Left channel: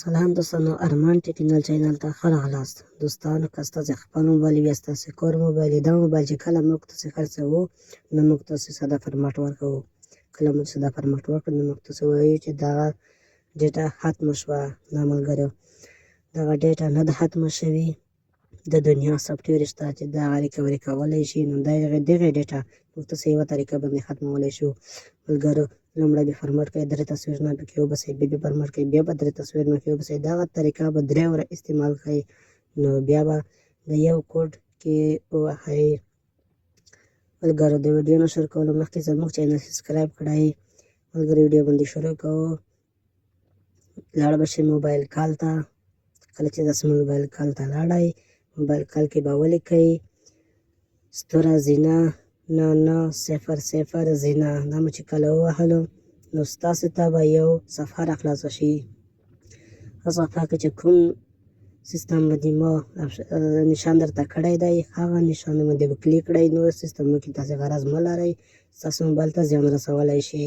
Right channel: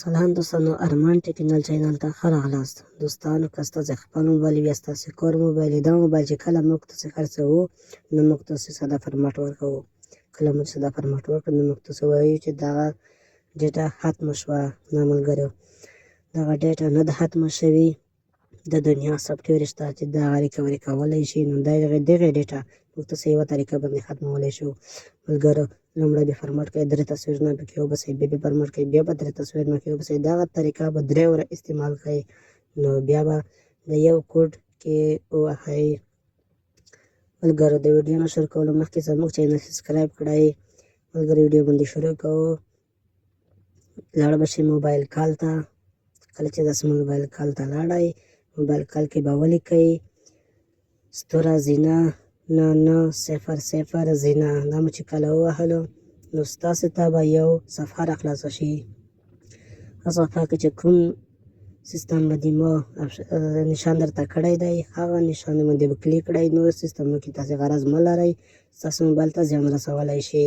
سلام دوستانو، ارمان ټیکنال چینل ته ښه راغلاست. دوستانو که ستاسې خپل موبایل وي یا ستاسې کور موبایل وي، دا موبایل چې کله موږ تاسې خرڅوو نو موږ تاسې ساده فرمټ ورکوو. کله مو ساده فرمټ ورکړو نو موږ تاسې وایو چې دغه ډیټا ختمه شوه. نه ملګرو، دغه ډیټا نه ده ختمه شوې. د دنیا سافټویر شته چې دغه ریکوري کولی شي. نو دغه ډیټا موږ تاسې یوه طریقه باندې ختمولی شو. ملګرو، لومړی به فرمټ کوئ، 3 تصویرونه پکې وباسئ، بیا به فرمټ کوئ، بیا به 3 تصویرونه پکې وباسئ. دغه طریقه به 3 وره استعمال کړئ. نو بیا به د یو کوډ کې ووهئ. ملګرو، د ویډیو نه شروع کولو مخکې زموږ چینل سبسکرایب کړئ. ملګرو، ویډیو باندې شروع کوو. لاړ به شئ موبایل کال ته. کله چې تاسې موبایل کال ته لاړئ، موبایل کال کې به ولیکئ ستوره زینه 9900 زینه. دا مو چې کله ووهلو نو ستاسې ته به یو صفحه راخلاصه شي. هغه صفحه کې چې کوم سیسټم باندې مو نشان درته کړی دی، هغه نشان باندې به کلیک کړئ. نور سیسټمونو کې تاسې غرض مه لرئ، ستاسو موبایل ته زیان رسولی شي.